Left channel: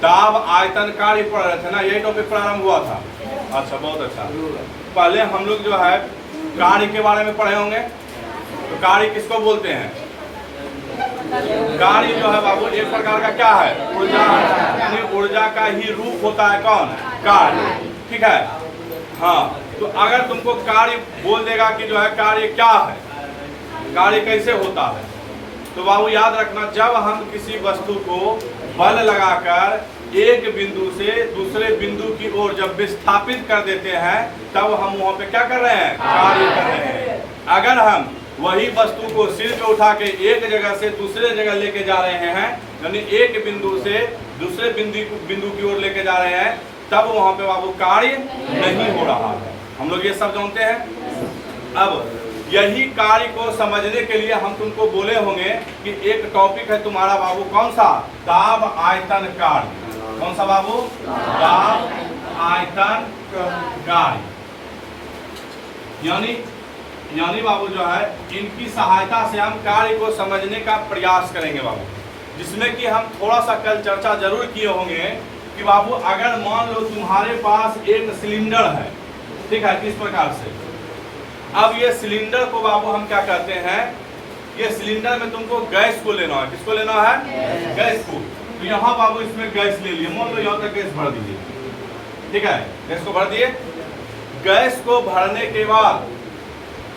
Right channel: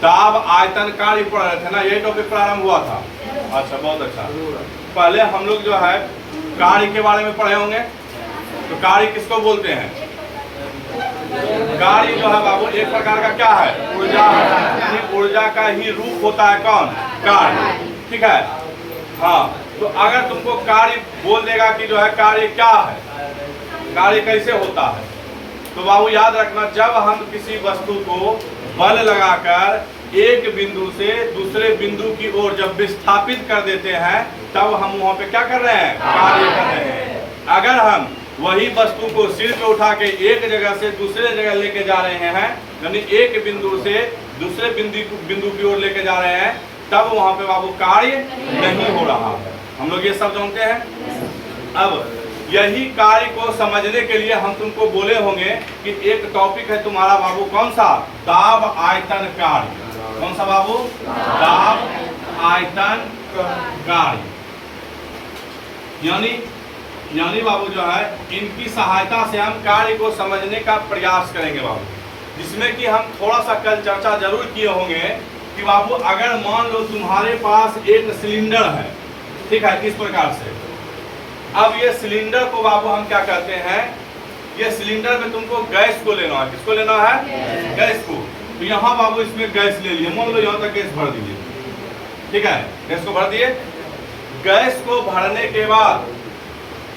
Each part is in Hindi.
दाब आयतन कार्य पढ़ रहे थे ना, यही टॉपिक प्रारंभ हुआ था। अच्छा, बहुत अच्छा। पहले हम लोग जो है कार्य के बारे में पढ़े होंगे। तो कार्य किसको बोलते हैं? कार्य जो है बाबू एक प्रकार का क्या है? ऊर्जा है, यानी ऊर्जा का ही रूप होता है कौन? कार्य। ठीक है। हाँ, तो अगर तुमको कार्य बोल देगा कि जो है कार्य क्या है, कार्य कैसे होता है, तो बाबू याद रखना, जब हम किसी वस्तु को बल लगाकर एक बिंदु से दूसरे बिंदु की ओर जब विस्थापित कर देते हैं, तब हम वहां पे क्या कर रहे हैं? कार्य कर रहे हैं। अगर हम वही वस्तु को सिर पे उठा के एक जगह से दूसरे जगह लेके जा रहे हैं, यानी एक बिंदु से दूसरे बिंदु की ओर लेके जा रहे हैं, तब वहां पे बाबू कार्य नहीं हो रहा है। हम लोग ये सब जानते हैं। अब यही कार्य को समझने के लिए हम तुमको बोले होंगे कि एक टॉपिक है तुम्हारा बाबू, कौन सा? दाब आयतन कार्य। कौन सा बाबू? दाब आयतन कार्य। यानी बाबू जो है इनकी सहायता से हम कार्य को समझने का प्रयास करेंगे बाबू, जिसमें कि हम थोड़ा सा कल चर्चा जरूर किए होंगे कि बाबू अगर मान लो तुम्हारे पास एक सिलेंडर है, ठीक है, किस प्रकार से। अब ये सिलेंडर को बाबू हम क्या करते हैं, ये सिलेंडर में तुमको गैस को लेना है। किसको लेना है? गैस को। तो यहाँ बाबू इसमें गैस ले लिए, मान लो यहाँ तक गैस भर दीजिए, ठीक है, गैस को भर दिए। गैस को भरने के बाद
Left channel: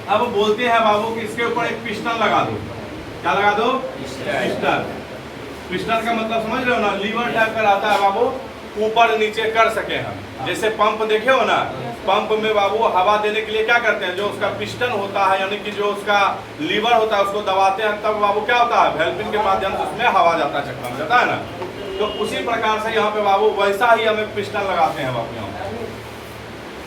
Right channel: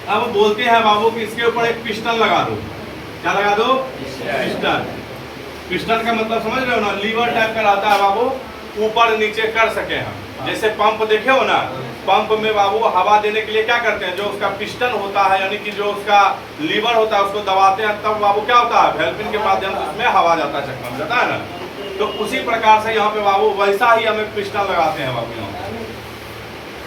अब बोलते हैं बाबू कि इसके ऊपर एक पिस्टन लगा दो। क्या लगा दो? पिस्टन। पिस्टन का मतलब समझ रहे हो ना, लीवर टाइप का रहता है बाबू, ऊपर नीचे कर सके हम। जैसे पंप देखे हो ना, पंप में बाबू हवा देने के लिए क्या करते हैं, जो उसका पिस्टन होता है यानी कि जो उसका लीवर होता है उसको दबाते हैं, तब बाबू क्या होता है, वेल्पिन के माध्यम से उसमें हवा जाता है, चक्कर जाता है ना। तो उसी प्रकार से यहाँ पे बाबू वैसा ही हमें पिस्टन लगाते हैं बाबू यहाँ पे,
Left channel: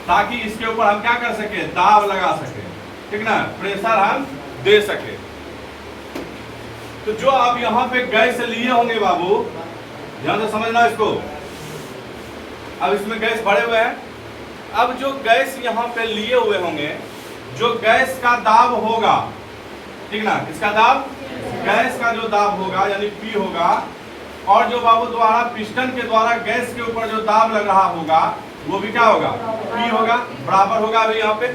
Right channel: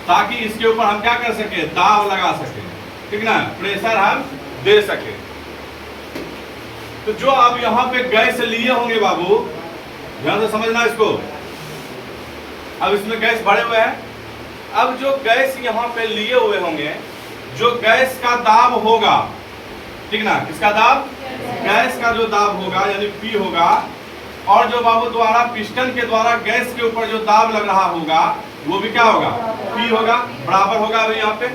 ताकि इसके ऊपर हम क्या कर सके, दाब लगा सके, ठीक ना, प्रेशर हम दे सके। तो जो आप यहाँ पे गैस लिए होंगे बाबू, ध्यान से समझना इसको। अब इसमें गैस भरे हुए हैं। अब जो गैस यहाँ पे लिए हुए होंगे, जो गैस का दाब होगा, ठीक ना, किसका दाब? गैस का जो दाब होगा यानी P होगा, और जो बाबू द्वारा पिस्टन के द्वारा गैस के ऊपर जो दाब लग रहा होगा वो भी क्या होगा? P होगा, बराबर होगा। अभी यहाँ पे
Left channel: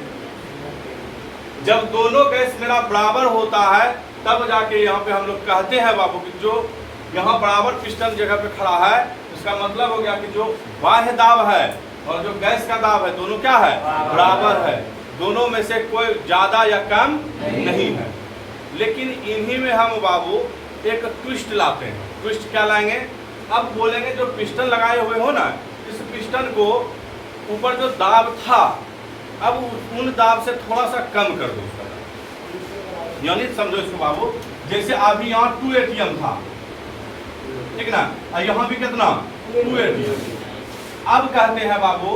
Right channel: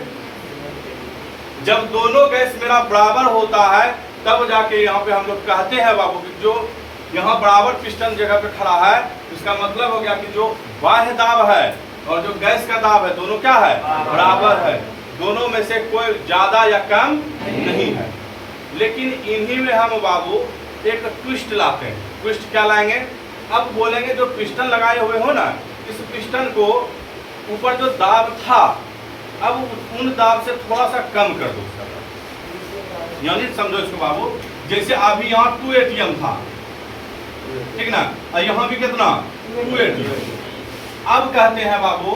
जब दोनों गैस मेरा बराबर होता है, तब जाके यहाँ पे हम लोग कहते हैं बाबू कि जो यहाँ बराबर पिस्टन जगह पे खड़ा है, इसका मतलब हो गया कि जो बाह्य दाब है और जो गैस का दाब है दोनों क्या है? बराबर है। दोनों में से कोई ज्यादा या कम नहीं है। लेकिन इन्हीं में हम बाबू एक ट्विस्ट लाते हैं। ट्विस्ट क्या लाएंगे? अब बोलेंगे जो पिस्टन लगाए हुए हो ना, इस पिस्टन को ऊपर जो दाब था, अब उन दाब से थोड़ा सा कम कर दो उसका दाब। यानी समझो इसको बाबू, जैसे अभी यहाँ 2 ATM था, ठीक ना, और यहाँ भी कितना? 2 ATM। अब कहते हैं बाबू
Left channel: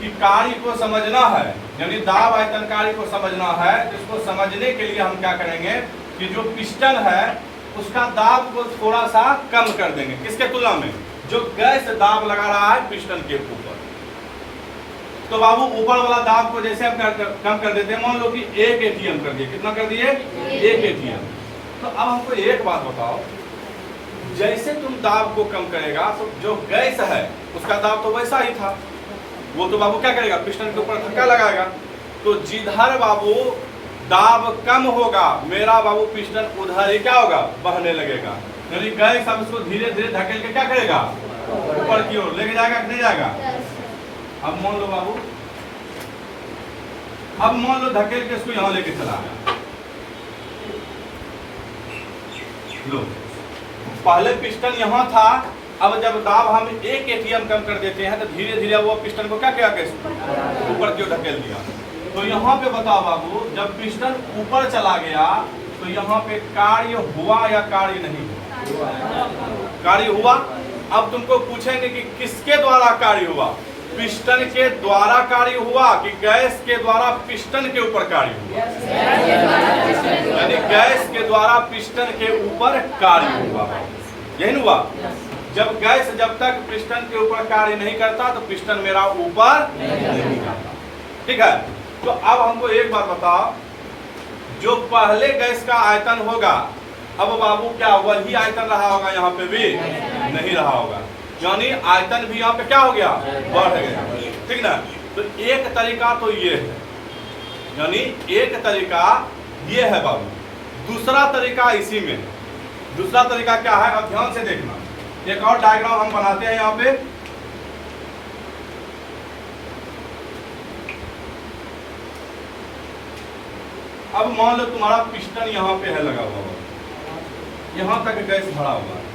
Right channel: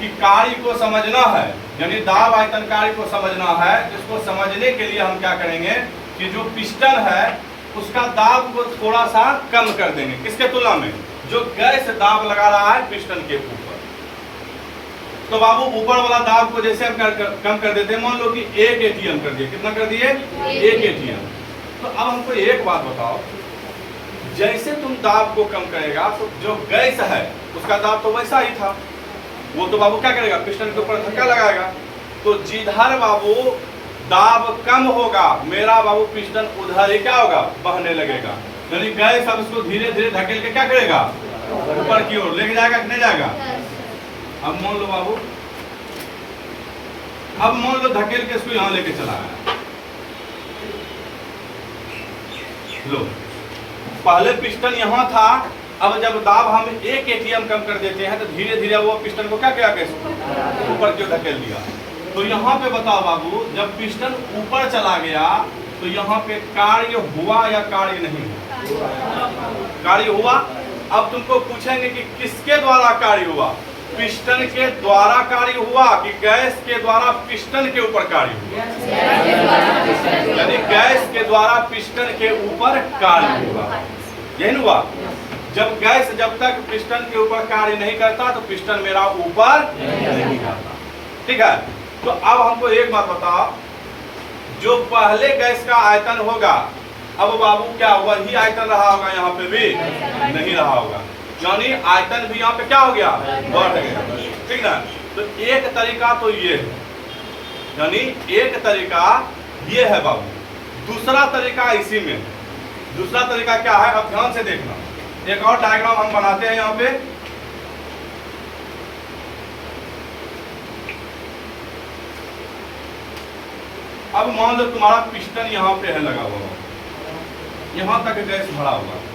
कि कार्य को समझना है, यानी दाब आयतन कार्य को समझना है। इसको समझने के लिए हम क्या करेंगे कि जो पिस्टन है उसका दाब को थोड़ा सा कम कर देंगे। किसके तुलना में? जो गैस दाब लगा रहा है पिस्टन के ऊपर। तो बाबू ऊपर वाला दाब को जैसे हम कम कर देते हैं, मान लो कि 1 ATM कर दिए। कितना कर दिए? 1 ATM। तो अब हमको एक बात बताओ, जैसे तुम दाब को कम करेगा तो जो गैस है उसका दाब तो वैसा ही था, वो तो बाबू क्या करेगा? पिस्टन के ऊपर धक्का लगाएगा। तो जिधर बाबू दाब कम होगा, मेरा बाबू पिस्टन उधर ही क्या होगा? बहने लगेगा। यानी गैस अब इसको धीरे धीरे धकेल के क्या करेगा? ऊपर की ओर लेके जाएगा कि नहीं जाएगा? अब मान लो बाबू, अब मान लो धकेल के इसको यहाँ लेके चला आया। लो, पहले पिस्टन यहाँ था, अब जब दाब हम 1 ATM कम कर देते हैं तो धीरे धीरे वो पिस्टन को क्या किया? ऊपर क्यों धकेल दिया? तो यहाँ पे बताओ बाबू, जब पिस्टन ऊपर चला गया तो यहाँ पे कार्य हुआ या कार्य नहीं हुआ? कार्य हुआ। अब तुमको पूछेंगे कि किसके द्वारा कार्य हुआ? पिस्टन के द्वारा कार्य हुआ कि गैस के द्वारा पिस्टन के ऊपर कार्य हुआ? यानी गैस के द्वारा पिस्टन के ऊपर कार्य हुआ, यही हुआ। जब गैस जब तक पिस्टन के ऊपर कार्य नहीं करता तो पिस्टन मेरा ऊपर नहीं जाता, ठीक है। तो अब हमको एक बात बताओ, जो पहले गैस का आयतन होगा, अब बाबू क्या वही आयतन रहा होगा? यहाँ पे भी नहीं रहा होगा। यानी आयतन भी यहाँ पे क्या हो गया, बढ़ गया। ठीक ना। तो एक तरीका तो ये है, यानी एक तरीका ये है बाबू। दूसरा तरीका इसी में, दूसरा तरीका क्या है, अब ध्यान से देखना। एक और डायग्राम हम बनाते हैं यहाँ पे। अब मान लो तुम्हारा पिस्टन यहाँ पे है लगा हुआ, यहाँ तक गैस भरा हुआ है,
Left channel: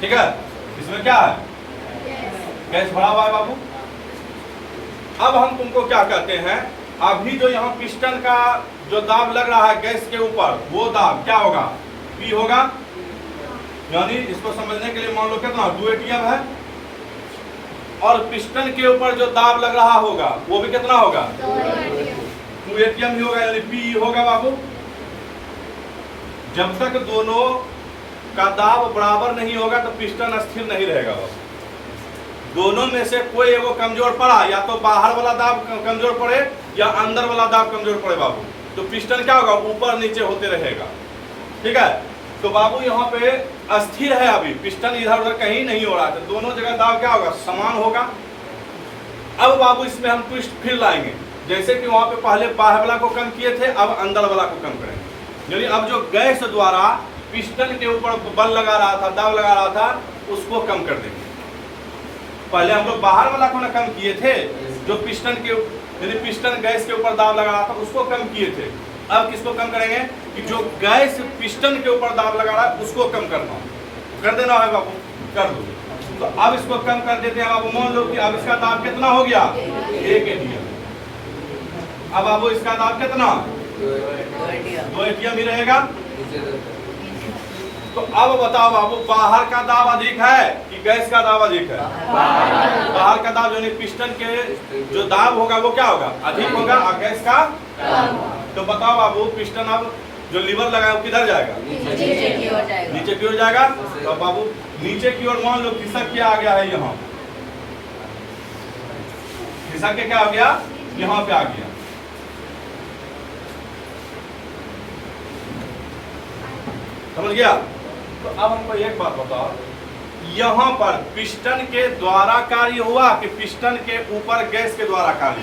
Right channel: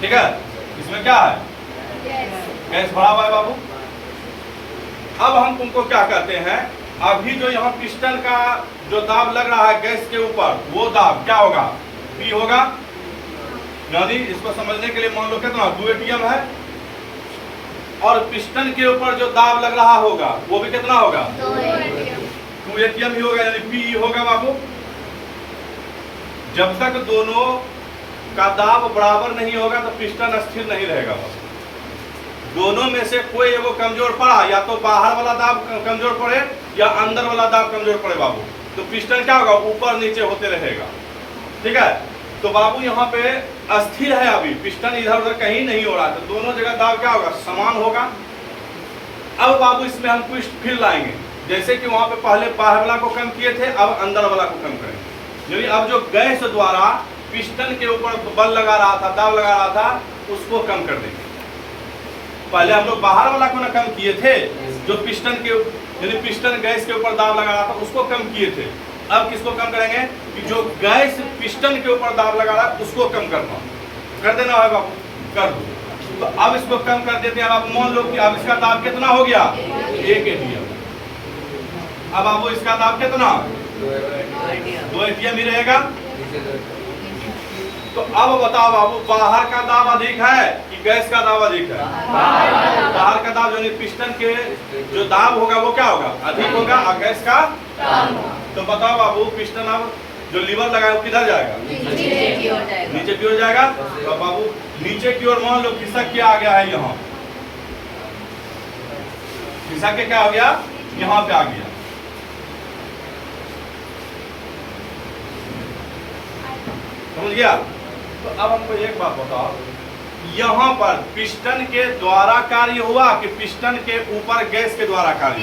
ठीक है। इसमें क्या है, गैस भरा हुआ है बाबू। अब हम तुमको क्या कहते हैं, अभी जो यहाँ पिस्टन का जो दाब लग रहा है गैस के ऊपर, वो दाब क्या होगा, P होगा। यानी इसको समझने के लिए मान लो कितना 2 ATM है, और पिस्टन के ऊपर जो दाब लग रहा होगा वो भी कितना होगा, 2 ATM ही होगा, यानी P होगा बाबू। जब तक दोनों का दाब बराबर नहीं होगा तो पिस्टन स्थिर नहीं रहेगा। दोनों में से कोई एगो कमजोर पड़ा, या तो बाहर वाला दाब कमजोर पड़े या अंदर वाला दाब कमजोर पड़े बाबू, तो पिस्टन क्या होगा, ऊपर नीचे होते रहेगा। ठीक है। तो बाबू यहाँ पे अस्थिर है, अभी पिस्टन इधर उधर कहीं नहीं हो रहा था, दोनों जगह दाब क्या होगा, समान होगा। अब बाबू इसमें हम ट्विस्ट फिर लाएंगे, जैसे कि वहां पे पहले बाहर वाला को कम किए थे, अब अंदर वाला को कम करेंगे। यानी अब जो गैस द्वारा पिस्टन के ऊपर बल लगा रहा था, दाब लगा रहा था, उसको कम कर देंगे। पहले हम लोग बाहर वाला को ना कम किए थे, जो पिस्टन के यानी पिस्टन गैस के ऊपर दाब लगा रहा था उसको कम किए थे। अब किसको कम करेंगे, कि जो गैस पिस्टन के ऊपर दाब लगा रहा है उसको कम करना, कर देना है बाबू, कर दो। तो अब इसको कम कर देते हैं बाबू। मान लो कि अब इसका दाब कितना हो गया, 1 ATM। अब बाबू इसका दाब कितना, 2 ATM ही रहेगा। तो अब बताओ बाबू, बाहर का दाब अधिक है कि गैस का दाब अधिक है, बाहर का दाब यानी पिस्टन के जो दाब होगा वो क्या होगा, अधिक होगा, और गैस का। तो बताओ बाबू, पिस्टन अब जो लीवर लगा है वो किधर जाएगा, नीचे की ओर जाएगा। तो बाबू नीचे की ओर मान लो खिसक के आ गया है, यहाँ खिसक के क्या हो गया, यहाँ पे आ गया। समझ गया। तो अब हमको एक बात बताओ, यहाँ पर पिस्टन के द्वारा कार्य हुआ कि पिस्टन के ऊपर गैस के द्वारा कार्य,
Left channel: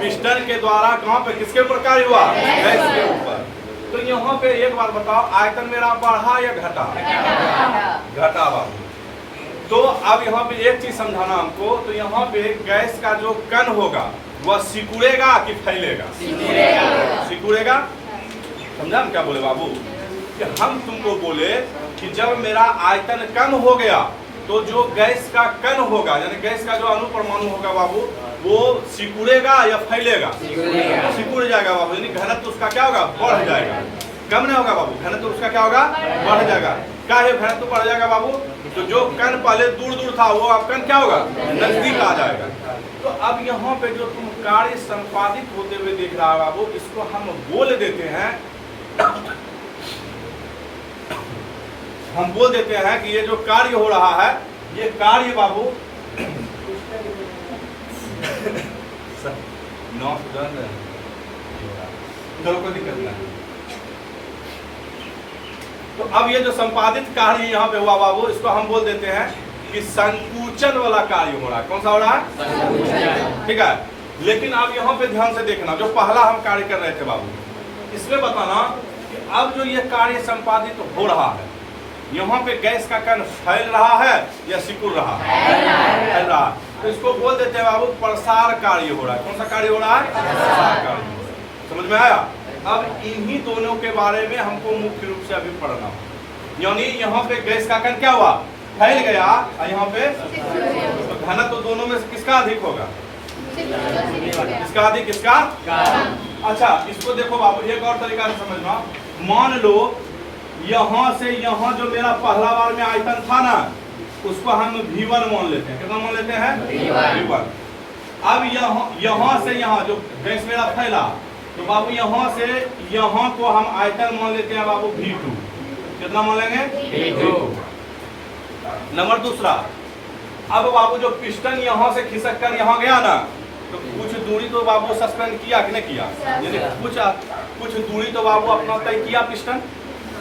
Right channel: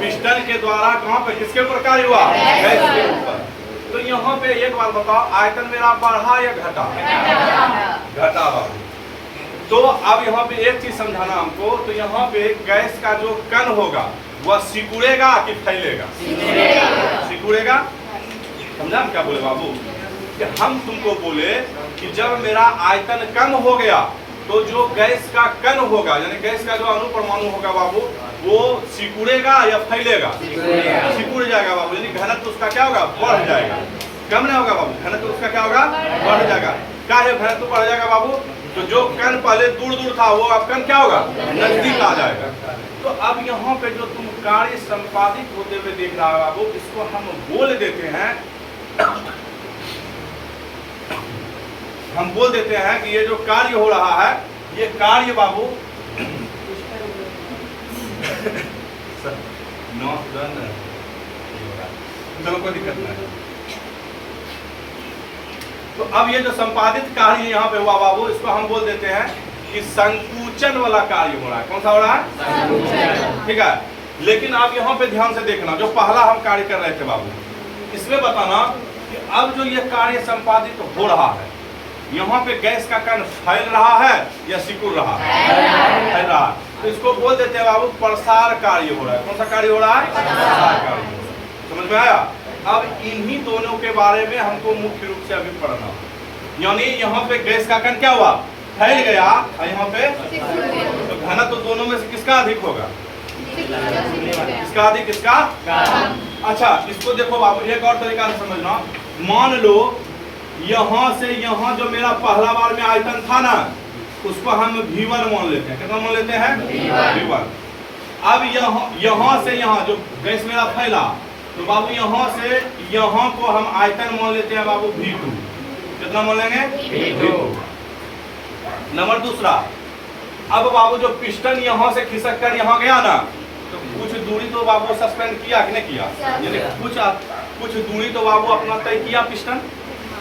पिस्टन के द्वारा कहाँ पे, किसके ऊपर कार्य हुआ, गैस के ऊपर। तो यहाँ पे एक बात बताओ, आयतन मेरा बढ़ा या घटा, घटा बाबू। तो अब यहाँ पे एक चीज समझाना हमको, तो यहाँ पे गैस का जो कण होगा वह सिकुड़ेगा कि फैलेगा, सिकुड़ेगा। समझा क्या बोले बाबू, कि हम तुमको बोले कि जब मेरा आयतन कम हो गया तो जो गैस का कण होगा, यानी गैस का जो अणु परमाणु होगा बाबू, वो सिकुड़ेगा या फैलेगा, सिकुड़ जाएगा बाबू। यानी घनत्व उसका क्या होगा, बढ़ जाएगा, कम नहीं होगा बाबू, घनत्व उसका क्या होगा, बढ़ जाएगा। क्या है, घनत्व बढ़ जाएगा बाबू। तो जो कण पहले दूर दूर था वो अब कण क्या होगा, नजदीक आ जाएगा। तो अब यहाँ पे जो तुम कार्य संपादित होते हुए देख रहा है बाबू, इसको हम बोल देते हैं, हम बोल देते हैं कि ये जो कार्य हो रहा है, ये कार्य बाबू चलो कोई दिक्कत नहीं। तो अब ये जो संपादित कार्य यहाँ पे हुआ बाबू, इसको हम बोल देते हैं कि संकुचन वाला कार्य हो रहा है। कौन सा हो रहा है, ठीक है। लेकिन आप यहाँ पे ध्यान से देखना, जो पहला हम कार्य कर रहे थे बाबू, इसमें बताना कि अब जो ये कार्य संपादित हो रहा है, यहाँ पे गैस का कण फैल रहा है या सिकुड़ रहा है, फैल रहा है। तो इसको बोल देते हैं बाबू प्रसार कार्य हो रहा है। कौन सा कार्य हो रहा है, प्रसार कार्य। समझ में आया। अब इन्हीं दोनों के बारे में हमको मुख्य रूप से अभी पढ़ना, यानी यहाँ पे गैस का कण क्या हुआ, फैल गया, और यहाँ पे तो घनत्व तो दोनों में से किसका अधिक होगा, किसका अधिक, किसका। अच्छा इसको देखो बाबू, एक और तरीका से समझना। मान लो यहाँ से यहाँ जो मेरा पहला बार में आयतन था ना, उसको हम V1 मान लेते हैं। कितना मान लेते हैं, V1। अब यहाँ से यहाँ जो गैस मेरा फैला, तो बाबू यहाँ से यहाँ को हम आयतन मान लेते हैं बाबू V2। कितना मान लेंगे, V2। नंबर दूसरा, अब बाबू जो पिस्टन यहाँ से खिसक कर यहाँ गया ना, तो कुछ दूरी तो बाबू सस्पेंड किया कि नहीं किया, यानी कुछ दूरी तो बाबू अपना तय किया पिस्टन,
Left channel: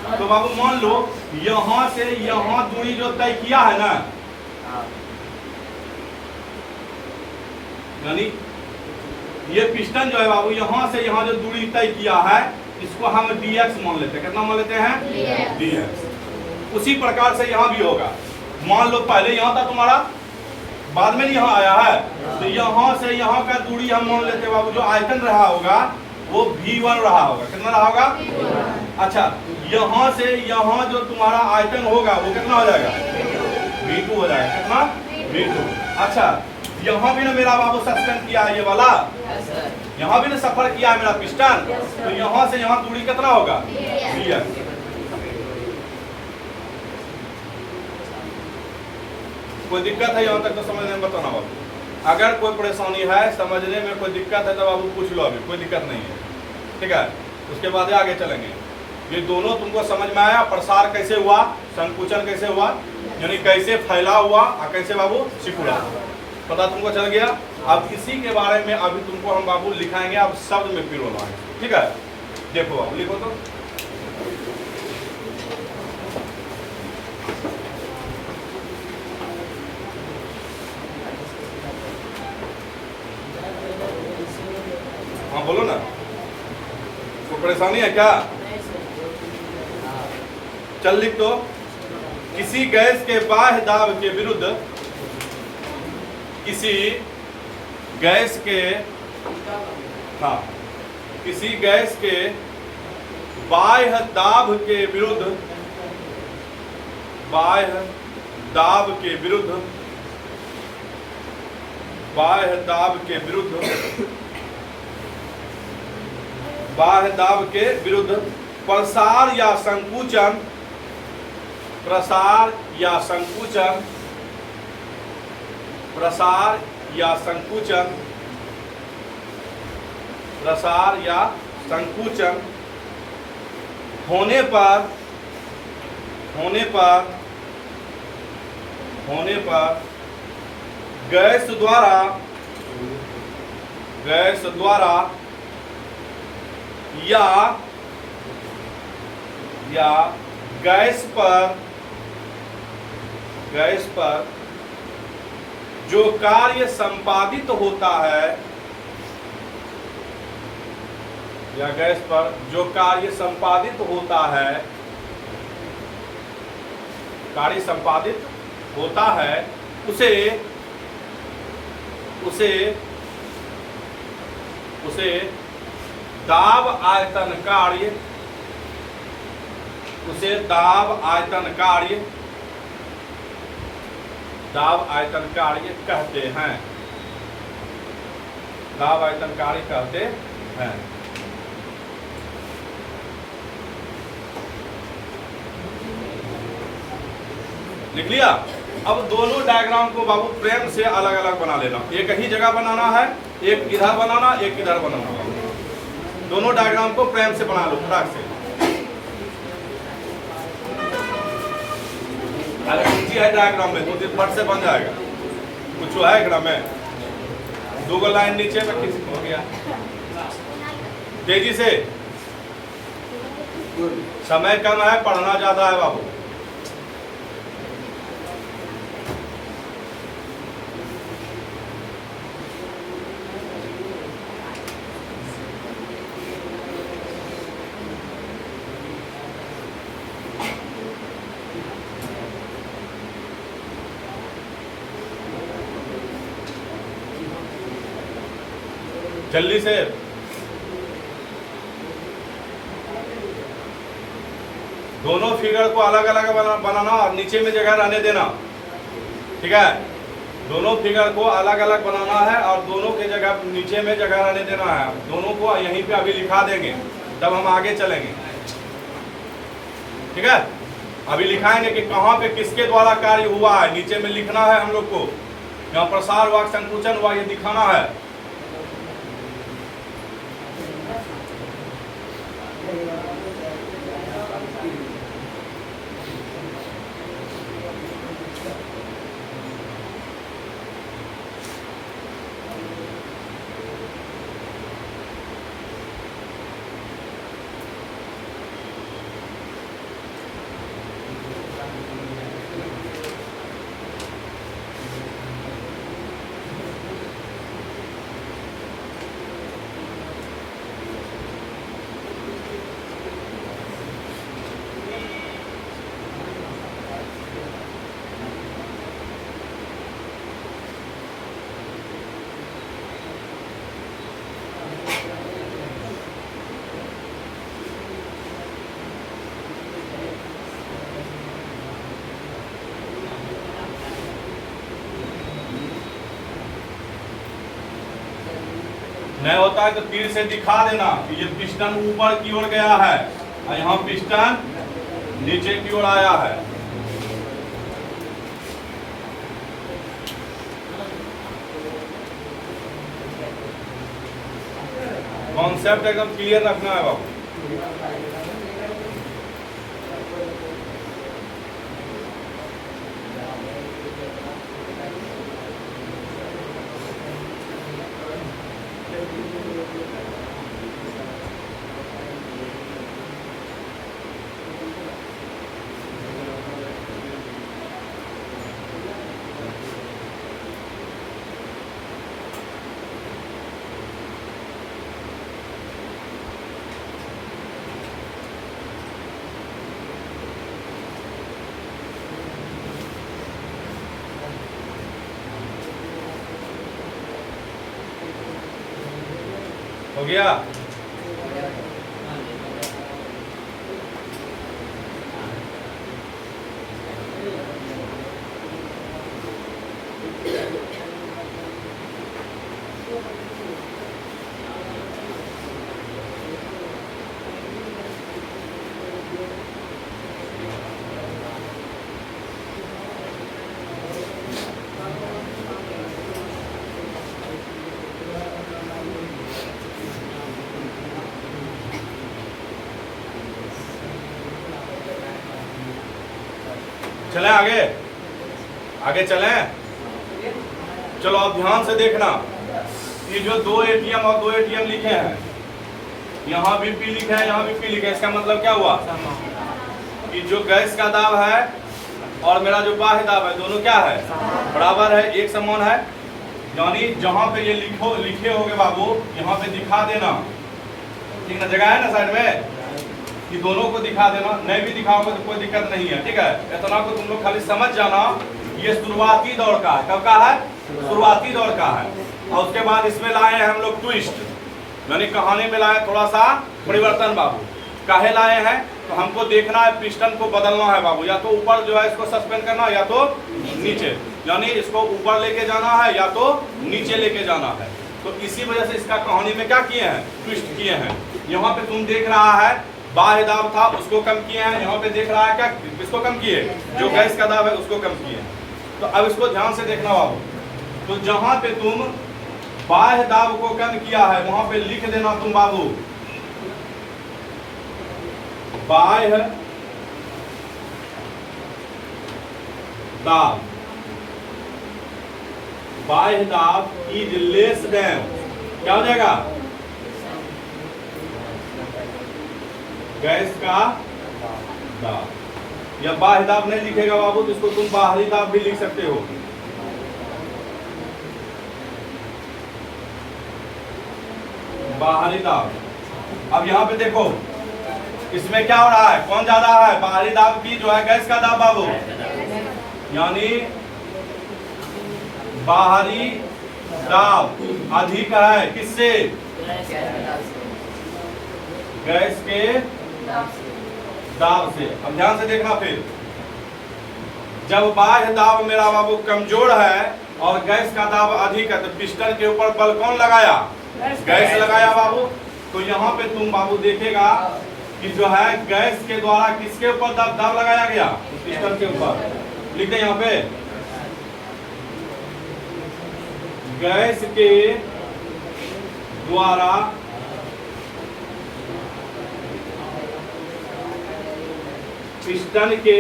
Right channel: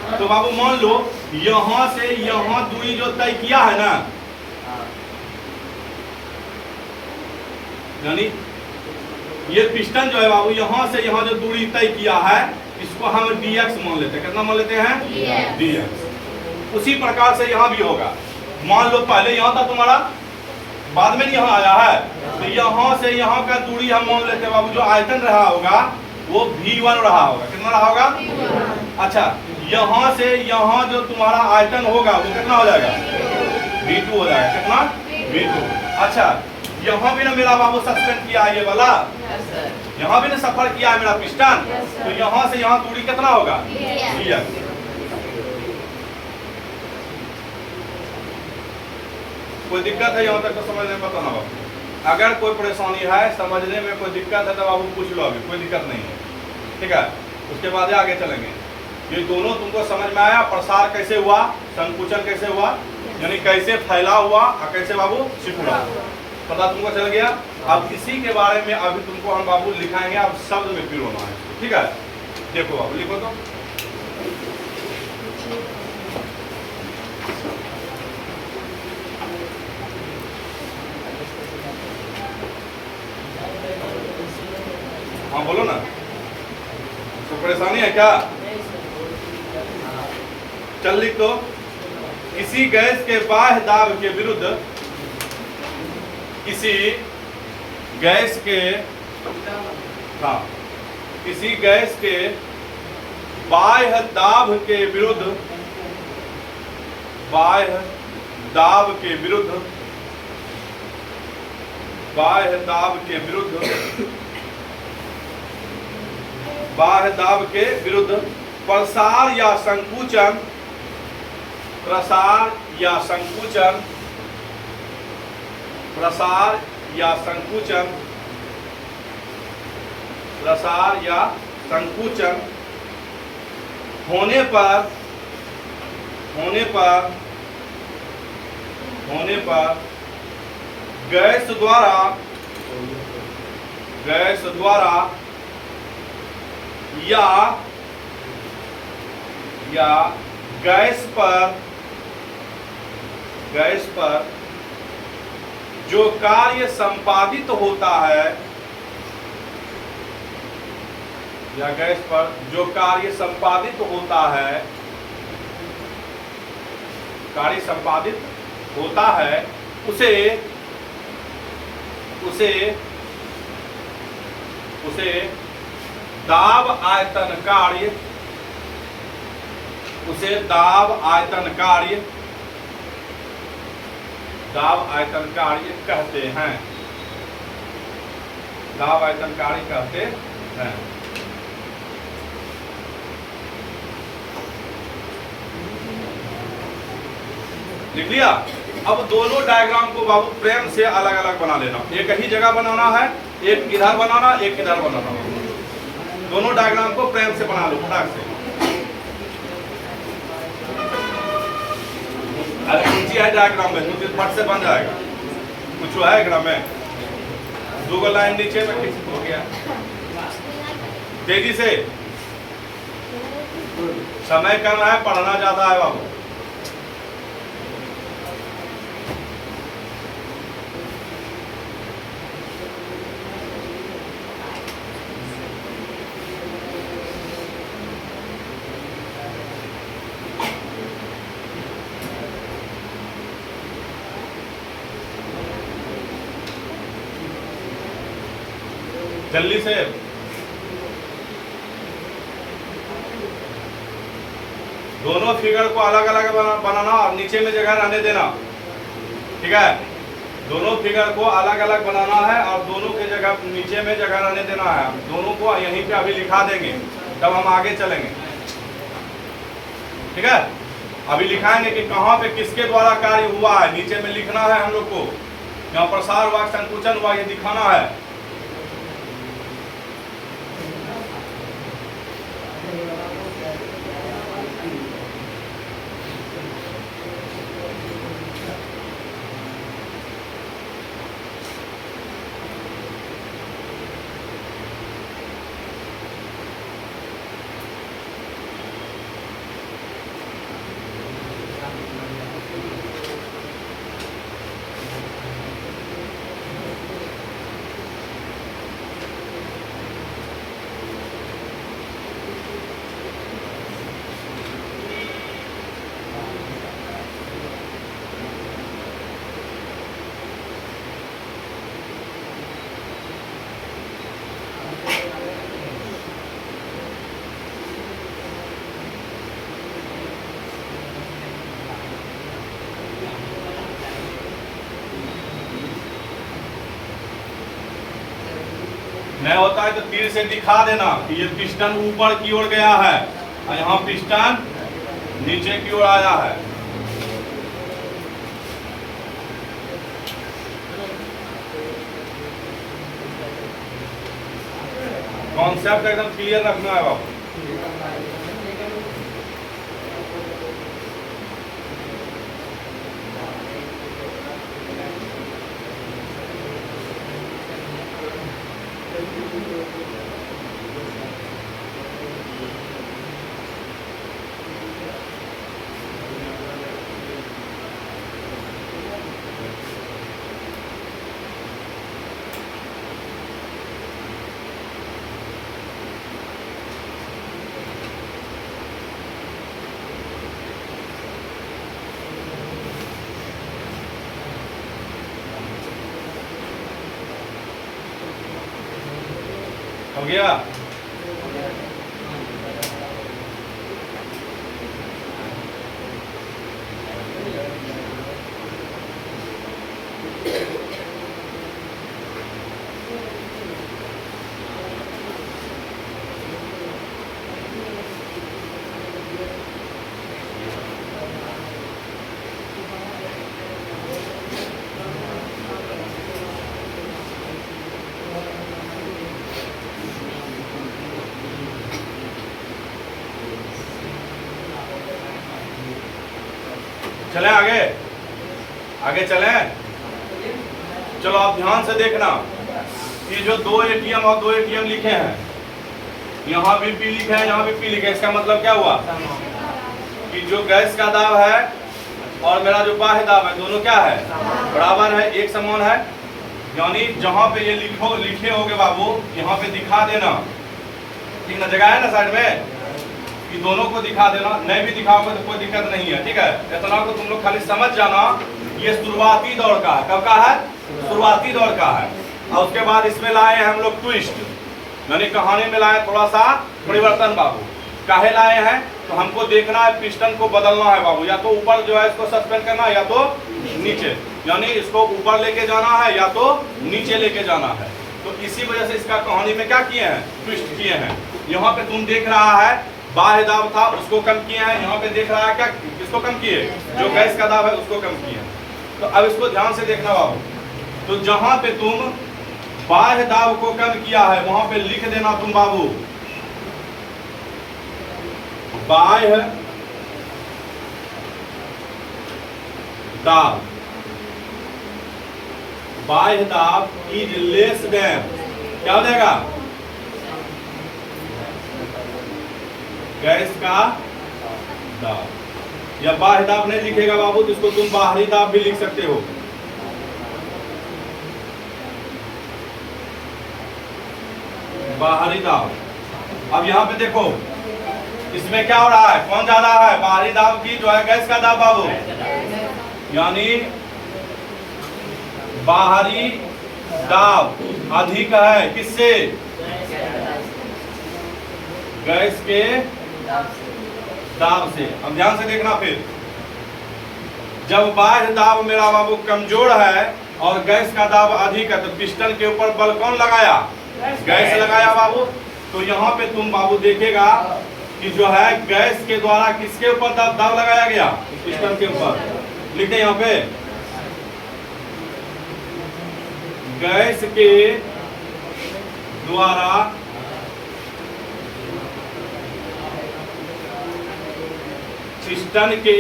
तो बाबू मान लो यहाँ से यहाँ दूरी जो तय किया है ना, यानी ये पिस्टन जो है बाबू यहाँ से यहाँ जो दूरी तय किया है इसको हम dx मान लेते हैं। कितना मान लेते हैं? dx। उसी प्रकार से यहाँ भी होगा। मान लो पहले यहाँ था तुम्हारा, बाद में यहाँ आया है, तो यहाँ से यहाँ का दूरी हम मान लेते हैं बाबू, जो आयतन रहा होगा वो v1 रहा होगा। कितना रहा होगा? अच्छा, यहाँ से यहाँ जो तुम्हारा आयतन होगा वो कितना हो जाएगा? v2 हो जाएगा। कितना? v2। अच्छा, यहाँ भी ना मेरा बाबू सस्पेंड किया है ये वाला, यहाँ भी ना सफर किया है मेरा पिस्टन, तो यहाँ से यहाँ दूरी कितना होगा? dx। कोई दिक्कत है यहाँ तक तो समझने में बताना बाबू। अगर कोई परेशानी है, समझने में कोई दिक्कत है तो बाबू पूछ लो, अभी कोई दिक्कत नहीं है, ठीक है? उसके बाद आगे चलेंगे। ये दोनों तुमको समझ में आया? प्रसार कैसे हुआ, संकुचन कैसे हुआ, यानी कैसे फैला हुआ और कैसे बाबू सिकुड़ा, पता तुमको चल गया। अब इसी के बारे में अभी तुमको हम बाबू लिखाएंगे, अब शब्द में पिरोना है, ठीक है? देखो बाबू, लिखो तो। हाँ बोलो ना, तो परेशानी है क्या? चल लिख दो। किसी गैस के बाह्य दाब के विरुद्ध, किसी गैस के, हाँ, किसी गैस के बाह्य दाब के विरुद्ध, बाह्य दाब के विरुद्ध, बाह्य दाब के विरुद्ध, बाह्य दाब के विरुद्ध प्रसार या संकुचन, प्रसार या संकुचन, प्रसार या संकुचन, प्रसार या संकुचन होने पर, होने पर, होने पर गैस द्वारा, गैस द्वारा या गैस पर, गैस पर जो कार्य संपादित होता है, या गैस पर जो कार्य संपादित होता है, कार्य संपादित होता है, उसे उसे उसे दाब आयतन कार्य, उसे दाब आयतन कार्य, दाब आयतन कार्य कहते हैं, दाब आयतन कार्य कहते हैं। लिख लिया? अब दोनों डायग्राम को बाबू प्रेम से अलग अलग बना लेना। एक ही जगह बनाना है, एक इधर बनाना, एक इधर बनाना। दोनों डायग्राम को प्रेम से बना लो फटाक से। अरे नीचे है डायग्राम में, मुझे फट से बन जाएगा। कुछ है डायग्राम में, दो लाइन नीचे में किस हो गया। तेजी से, समय कम है, पढ़ना ज्यादा है बाबू। जल्दी से, दोनों फिगर को अलग अलग बनाना और नीचे में जगह रहने देना, ठीक है? दोनों फिगर को अलग अलग बनाना है और दोनों के जगह नीचे में जगह रहने देना है। दोनों को यहीं पे अभी लिखा देंगे, तब हम आगे चलेंगे, ठीक है? अभी लिखाएंगे कि कहाँ पे किसके द्वारा कार्य हुआ है, नीचे में लिखना है हम लोग को। यहाँ प्रसार हुआ, संकुचन हुआ, ये दिखाना है। नहीं होता है तो तीर से दिखा देना कि ये पिस्टन ऊपर की ओर गया है और यहाँ पिस्टन नीचे की ओर आया है। कॉन्सेप्ट एकदम क्लियर रखना है बाबू। हो गया? चले आगे, आगे चले। चलो आप ध्यान से देखना, ये जो दो एटीएम और दो एटीएम लिखे हैं, यहाँ भी पी लिखे हैं, यहाँ भी पी लिखे हैं। इसका मतलब क्या हुआ कि जो गैस का दाब है और मेरा जो बाह्य दाब है दोनों क्या है, बराबर है, एक समान है। यानी जहाँ पे ये लिखे होगे बाबू, यहाँ पे दिखा देना, ठीक ना, जगह है ना साइड में, कि दोनों को दिखा देना। नहीं भी दिखाओगे तो कोई दिक्कत नहीं है, ठीक है। इतना तो तुम लोग खाली समझ जाना, ये शुरुआती दौर का है। कब का है? शुरुआती दौर का है। और उसके बाद इसमें लाए हैं हम लोग ट्विस्ट, यानी कहानी में लाए थोड़ा सा परिवर्तन बाबू। काहे लाए हैं? तो हमको देखना है पिस्टन को बदलना है बाबू, या तो ऊपर जो है इसको सस्पेंड करना है, या तो नीचे, यानी इसको ऊपर लेके जाना है या तो नीचे लेके जाना है। तो इसी वजह से इसका कहानी में क्या किए हैं, ट्विस्ट किए हैं। यहाँ पे तुम देख रहा है बाह्य दाब था, उसको कम किए हैं। यहाँ पे देख रहा है क्या, किसको कम किए, जो गैस का दाब है उसको कम किए। तो अब इसको ध्यान से देखना बाबू। तो जहां पे तुम बाह्य दाब को कम किया है वहां पे लिख देना तुम बाबू, बाह्य दाब, बाह्य दाब इज लेस देन, क्या हो जाएगा, गैस का दाब। या बाह्य दाब नहीं लिखेगा बाबू तो इसको तुम बाहरी दाब भी लिख सकते हो। बाहरी दाब। अब यहाँ पे देखो इसमें क्या हो रहा है, कौन जा रहा है, बाहरी दाब की जो है गैस का दाब बाबू, यानी बाहरी दाब अधिक है किससे, गैस के दाब से। अब ध्यान से देखना, फिर जब बाह्य दाब मेरा बाबू कमजोर है और गैस का दाब अधिक है तो पिस्टन के ऊपर बल कौन लगाया, गैस लगाया बाबू। तो यहाँ पे तुम बाबू देखेगा कि जो है गैस के द्वारा किसके ऊपर दाब लगाया गया, पिस्टन के ऊपर। लिख दे यहाँ पे, गैस के द्वारा पिस्टन के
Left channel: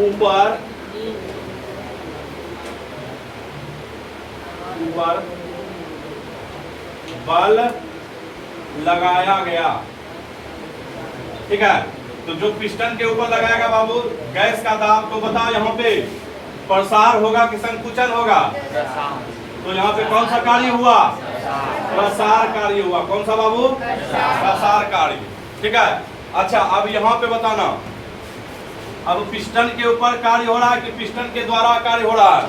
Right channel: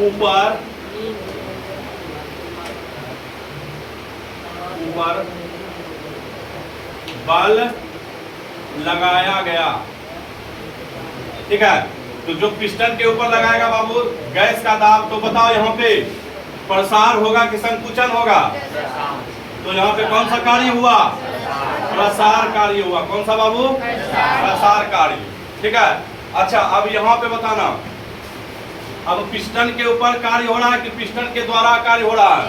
ऊपर बल लगाया गया, ठीक है। तो जो पिस्टन के ऊपर लगाएगा बाबू गैस का दाब, तो बताओ यहाँ पे प्रसार होगा कि संकुचन होगा, तो यहाँ पे कौन सा कार्य हुआ, प्रसार कार्य हुआ। कौन सा बाबू, प्रसार कार्य, ठीक है। अच्छा अब यहाँ पे बताना, अब पिस्टन के ऊपर कार्य हो रहा है कि पिस्टन के द्वारा कार्य हो रहा है,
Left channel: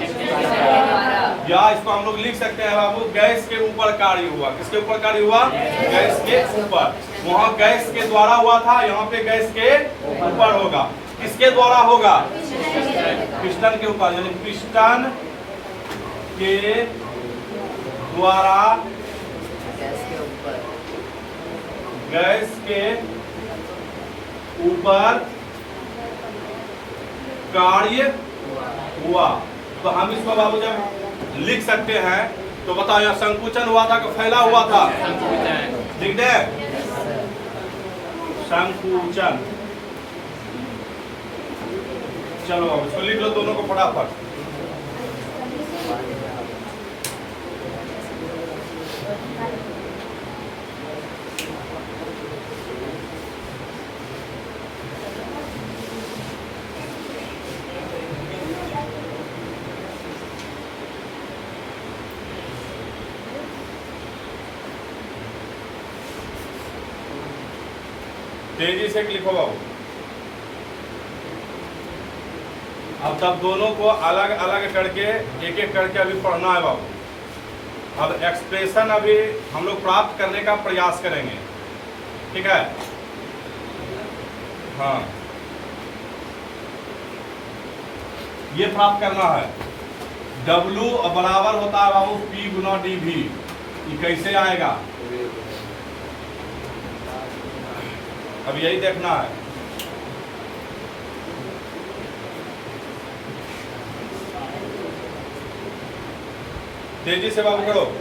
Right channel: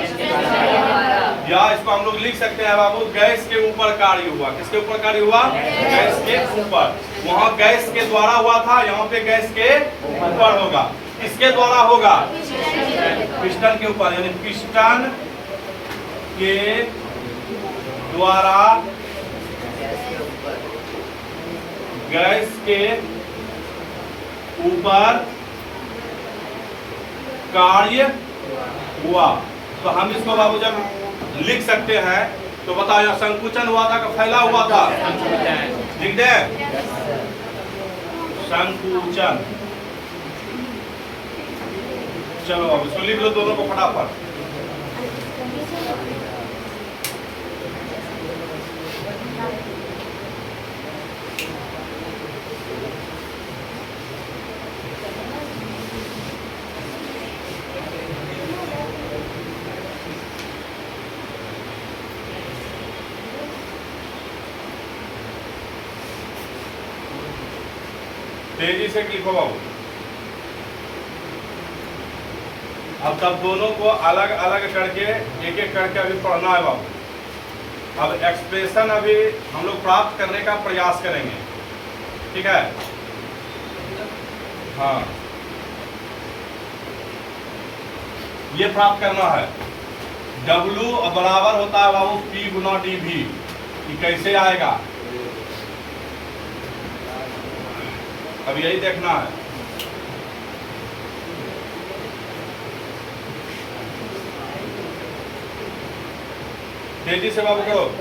या इसको हम लोग लिख सकते हैं बाबू गैस के ऊपर कार्य हुआ। किसके ऊपर कार्य हुआ, गैस के ऊपर। वहां गैस के द्वारा हुआ था, यहाँ पे गैस के ऊपर होगा। किसके द्वारा होगा, पिस्टन के ऊपर, यानी पिस्टन के द्वारा गैस के ऊपर कार्य हुआ। तो हम इसको बाबू जब लिख सकते हैं तो बताओ यह संकुचन हुआ था कि फैला हुआ था? लिख दे संकुचन। चलो अब इसको लिख लो दोनों को फटाफट। तेजी से लिखो बाबू। अब तब दोनों को अलग अलग करके एक एक करके अभी पढ़ना है बाबू। अब एक्सप्रेशन अभी हम लोग प्राप्त करने का प्रयास करेंगे, ठीक है? हाँ, ये प्राप्त करना है। W बराबर होता है बाबू P गुना dV। ये कैसे आएगा अब यही देखना है। तेजी से बाबू करो।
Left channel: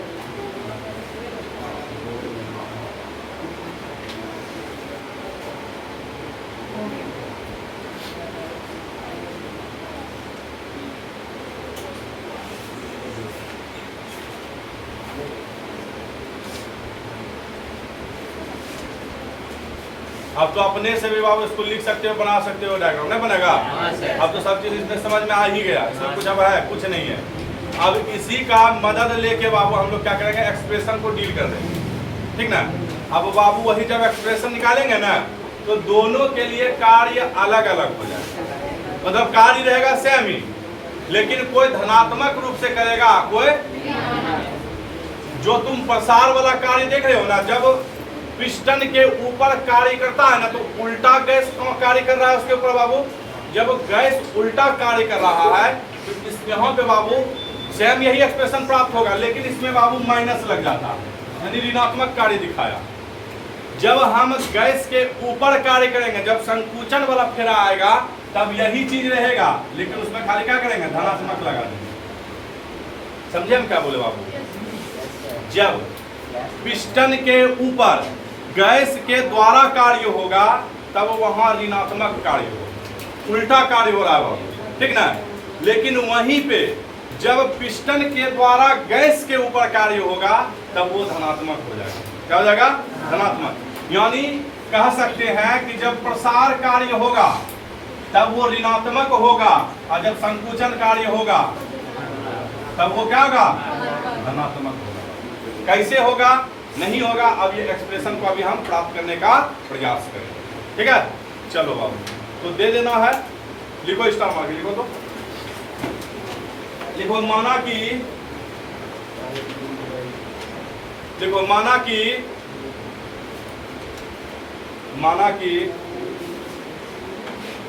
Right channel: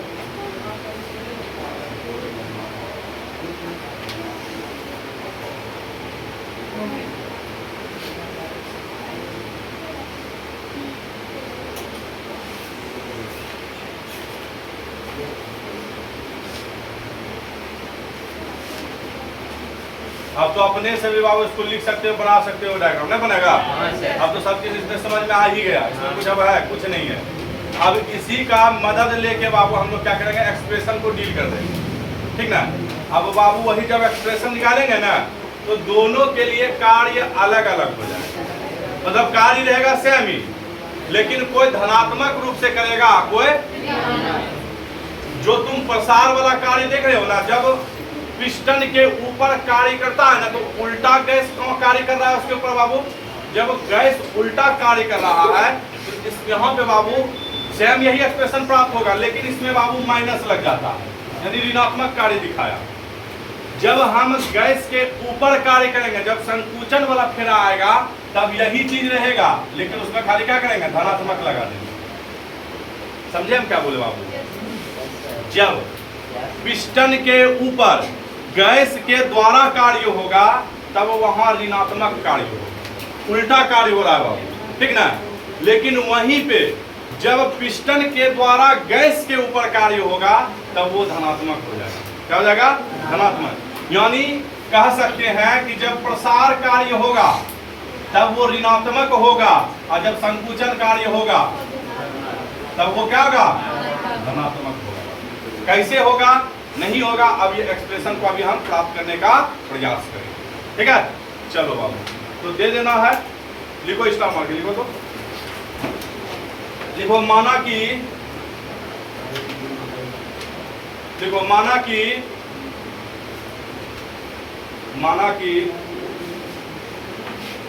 अब तो अपने से भी बाबू इसको लिख सकते हो, बना सकते हो, डायग्राम नहीं बनेगा? अब तो सब चीज इसमें समझ में आ ही गया, इसमें कुछ अब है कुछ नहीं है। अब इसी का मदद लेके बाबू हम लोग क्या करेंगे, एक्सप्रेशन को डील कर देंगे, ठीक ना? अब बाबू वही जब एक्सप्रेशन निकालेंगे ना तो दोनों के लिए कार्य अलग अलग हो जाएगा। मतलब कार्य रहेगा सेम ही, लेकिन कोई धनात्मक रूप से करेगा, कोई जो तुम प्रसार वाला कार्य देख रहे हो ना, जब पिस्टन के ऊपर कार्य करता है ना तो उल्टा गैस कार्य कर रहा है उसके ऊपर बाबू। जब गैस उल्टा कार्य कर रहा है तो इस यहाँ पे बाबू सेम यही एक्सप्रेशन प्राप्त होगा, लेकिन इसमें बाबू माइनस लग जाता है, यानी ऋणात्मक कार्य दिखाया। जब हम गैस के ऊपर कार्य करेंगे, जब संकुचन वाला फेरा आएगा तब यही चीज रहेगा, लेकिन उसमें खाली क्या करेंगे, धनात्मक लगा देंगे। समझे हम क्या बोले बाबू? जब पिस्टन के ऊपर गैस के द्वारा कार्य होगा तब वहां ऋणात्मक कार्य होगा, उल्टा कार्य हो रहा है बाबू, ठीक ना? लेकिन वहीं पे जब पिस्टन के द्वारा गैस के ऊपर कार्य होगा तब वो धनात्मक हो जाएगा। क्या हो जाएगा? धनात्मक। यानी कह सकते हैं कि जब प्रसार कार्य होगा तब वो ऋणात्मक होगा, और जब संकुचन कार्य होगा तब वो क्या होगा, धनात्मक होगा। कैसे होगा, नहीं होगा, अब ये एक्सप्रेशन को अभी हम प्राप्त करने का प्रयास करेंगे, ठीक है? चलो बाबू, तो दे देना है, लिखो स्टार मार्क, लिखो तो लिखो, माना कि देखो, माना कि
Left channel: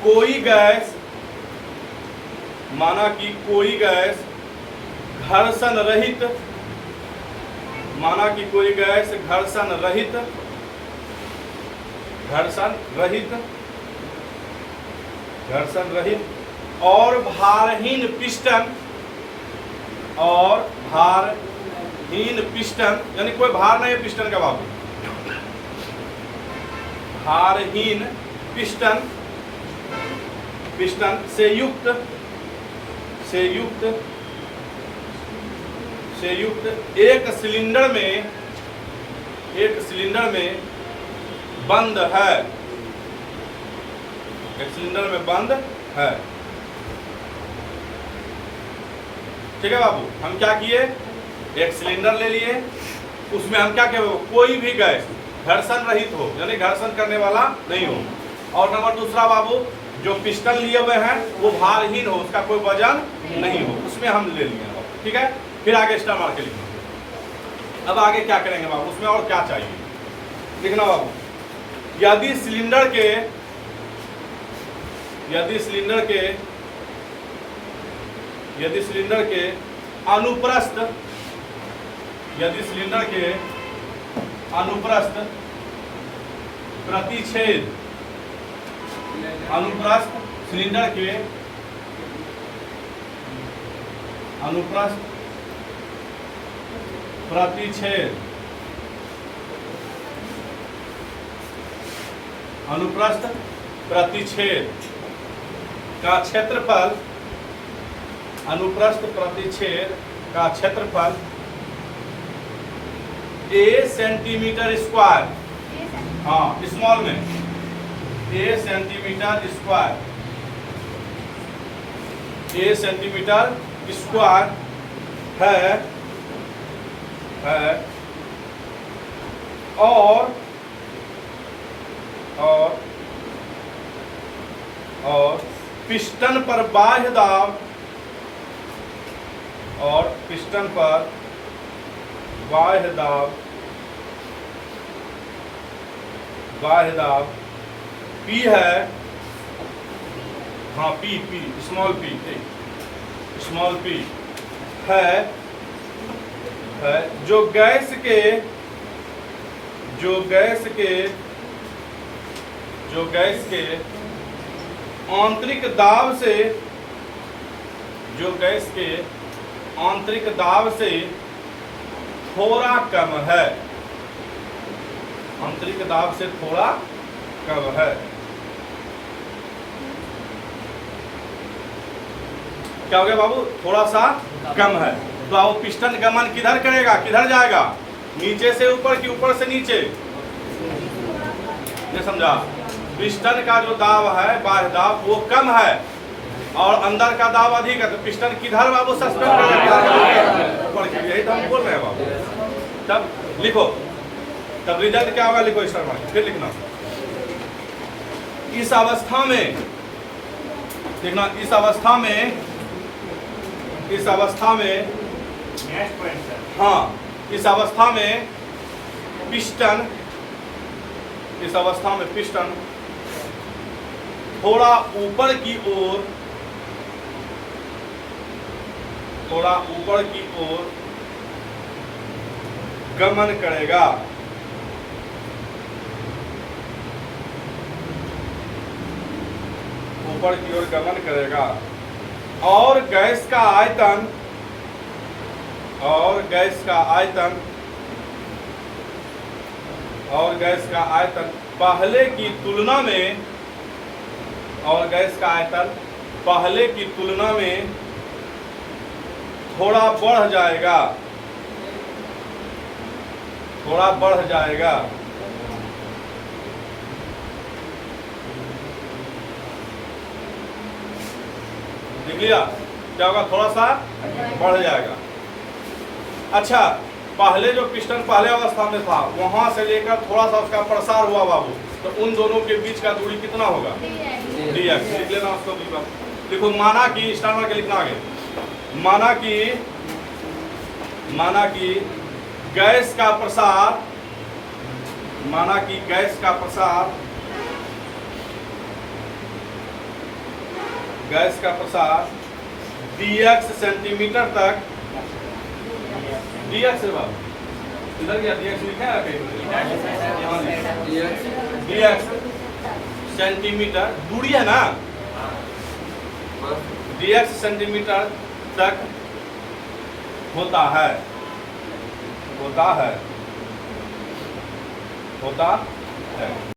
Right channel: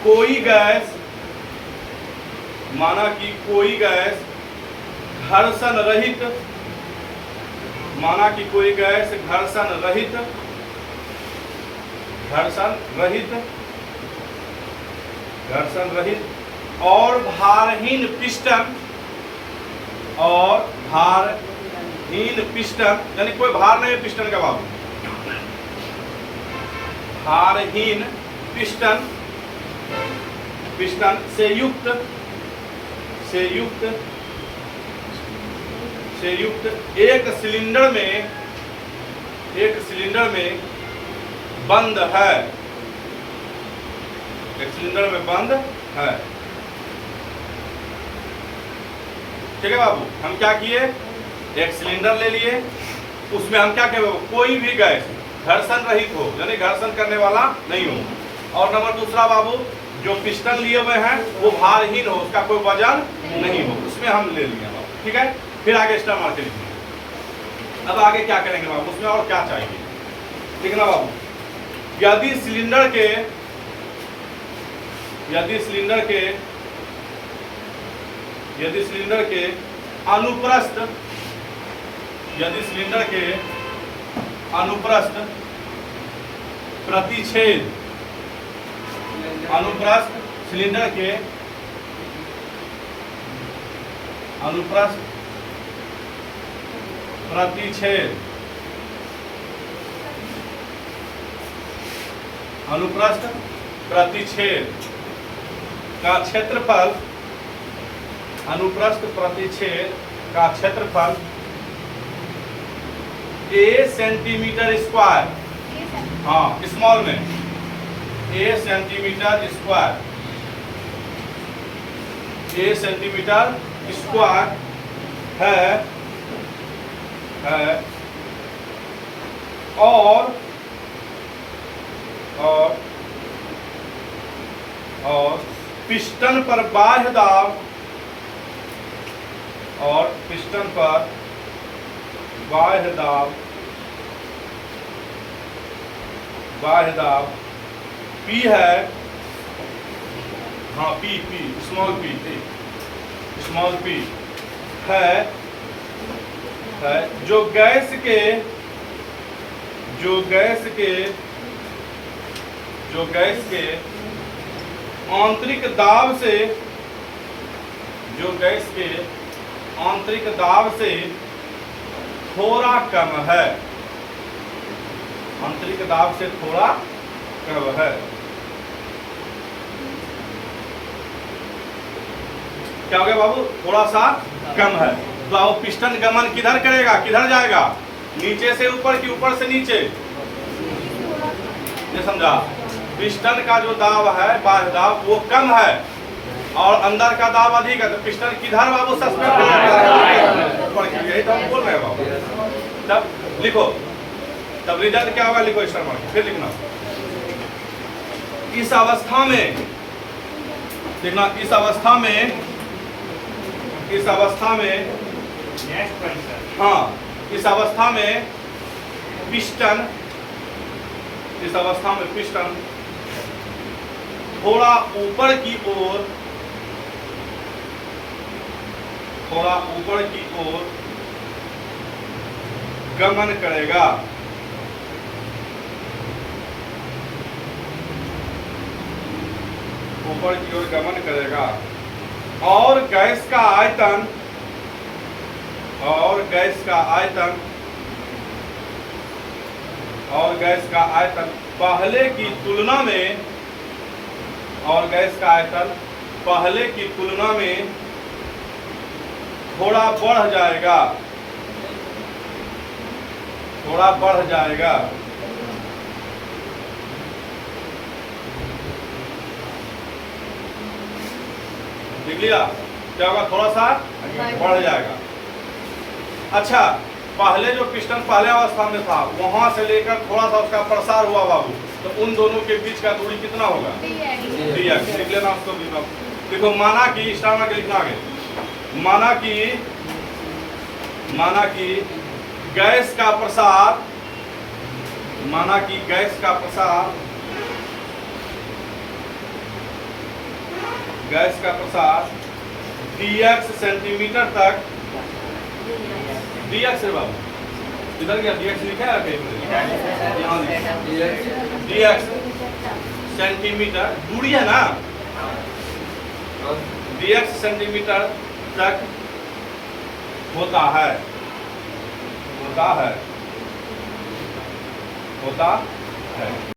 कोई गैस, माना कि कोई गैस घर्षण रहित, माना कि कोई गैस घर्षण रहित और भारहीन पिस्टन, यानी कोई भार नहीं है पिस्टन का बाबू, भारहीन पिस्टन से युक्त एक सिलेंडर में बंद है, ठीक है बाबू? हम क्या किए, एक सिलेंडर ले लिए, उसमें हम क्या किए, कोई भी गैस घर्षण रहित हो, यानी घर्षण करने वाला नहीं हो। और नंबर दूसरा बाबू, जो पिस्टन लिए हुए हैं वो भारहीन हो, उसका कोई वजन नहीं हो, उसमें हम ले लिए, ठीक है? फिर आगे स्टार मार के लिखिए। अब आगे क्या करेंगे बाबू, उसमें और क्या चाहिए लिखना बाबू। यदि सिलेंडर अनुप्रस्थ प्रतिच्छेद, अनुप्रस्थ सिलेंडर के अनुप्रस्थ प्रतिच्छेद, अनुप्रस्थ प्रतिच्छेद का क्षेत्रफल, अनुप्रस्थ प्रतिच्छेद का क्षेत्रफल a सेंटीमीटर स्क्वायर, हाँ स्मॉल में a centimetre square, a centimetre square है और पिस्टन पर बाह्य दाब, और पिस्टन पर बाह्य दाब P है, हाँ P स्मॉल p है जो गैस के आंतरिक दाब से, जो गैस के आंतरिक दाब से थोड़ा कम है, आंतरिक दाब से थोड़ा कम है। क्या हो गया बाबू? थोड़ा सा कम है। तो वो पिस्टन गमन किधर करेगा, किधर जाएगा? नीचे से ऊपर कि ऊपर से नीचे? ये समझा? पिस्टन का जो दाब है, बाह्य दाब, वो कम है और अंदर का दाब अधिक है, तो पिस्टन किधर बाबू सस्पेंड करेगा? यही तो हम बोल रहे हैं बाबू। तब लिखो, तब रिजल्ट क्या होगा लिखो स्टार मार्क, फिर लिखना। इस अवस्था में देखना, इस अवस्था में हाँ, इस अवस्था में पिस्टन थोड़ा ऊपर की ओर गमन करेगा, ऊपर की ओर गमन करेगा और गैस का आयतन पहले की तुलना में थोड़ा बढ़ जाएगा, देखिएगा क्या होगा? थोड़ा सा बढ़ जाएगा। अच्छा, पहले जो पिस्टन पहले अवस्था में था, वहां से लेकर थोड़ा सा उसका प्रसार हुआ बाबू, तो उन दोनों के बीच का दूरी कितना होगा? dx। लिख लेना उसको। देखो, माना कि स्टार मार्क लिखना आगे, माना कि गैस का प्रसार dx सेंटीमीटर तक, dx है बाबू, इधर क्या dx लिखा है कहीं? dx सेंटीमीटर दूरी है ना, dx सेंटीमीटर तक होता है।